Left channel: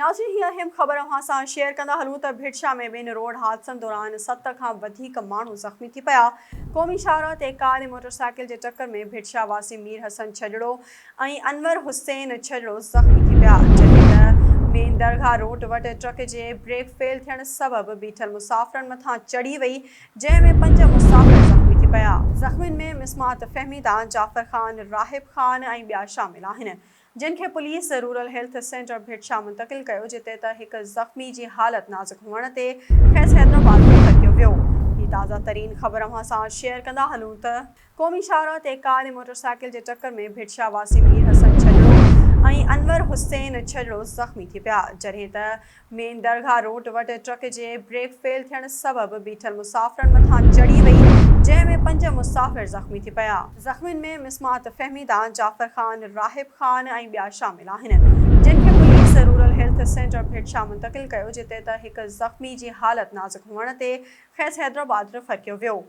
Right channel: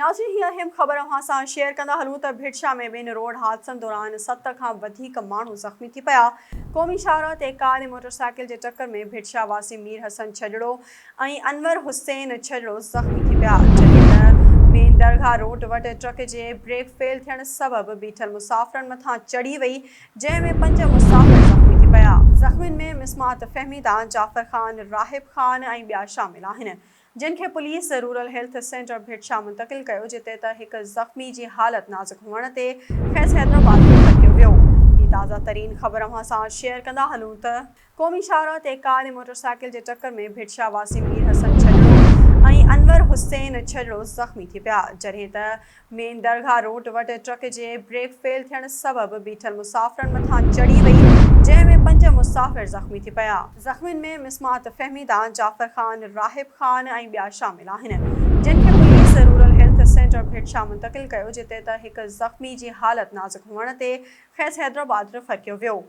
नाज़रीन हीअ अहम ख़बर अव्हां सां शेयर कंदा हलूं त भिटशा में ॿिनि रोड हादसनि दौरान 7 खां वधीक माण्हू ज़ख़्मी थी पिया। क़ौमी शाहराह ते कार ऐं मोटरसाइकिल जे टक्कर में भिटशा वासी मीर हसन छजड़ो ऐं अनवर हुसैन छजड़ो ज़ख़्मी थी पिया, जॾहिं त मेन दरगाह रोड वटि ट्रक जे ब्रेक फेल थियण सबबि बीठल मुसाफ़िरनि मथां चढ़ी वई, जंहिं में 5 मुसाफ़िर ज़ख़्मी थी पिया। ज़ख़्मियुनि में मिसमात फहमीदा, जाफ़र ख़ान, राहिब ख़ान ऐं ॿिया शामिल आहिनि, जिन खे पुलिस रूरल हेल्थ सेंटर भिटशा मुंतक़िल कयो, जिते त हिकु ज़ख़्मी जी हालत नाज़ुक हुअण ते खेसि हैदराबाद में रखियो वियो। ही ताज़ा तरीन ख़बर अव्हां सां शेयर कंदा हलूं त क़ौमी शाहराह ते कार ऐं मोटरसाइकिल जे टक्कर में भिटशा वासी मीर हसन छजड़ो ऐं अनवर हुसैन छजड़ो ज़ख़्मी थी पिया, जॾहिं त मेन दरगाह रोड वटि ट्रक जे ब्रेक फेल थियण सबबि बीठल मुसाफ़िरनि मथां चढ़ी वई, जंहिं में 5 मुसाफ़िर ज़ख़्मी थी पिया। ज़ख़्मियुनि में मिसमात फहमीदा, जाफ़र ख़ान, राहिब ख़ान ऐं ॿिया शामिल आहिनि, जिन खे पुलिस रूरल हेल्थ सेंटर भिटशा मुंतक़िल कयो, जिते त हिकु ज़ख़्मी जी हालत नाज़ुक हुअण ते खेसि हैदराबाद रखियो वियो।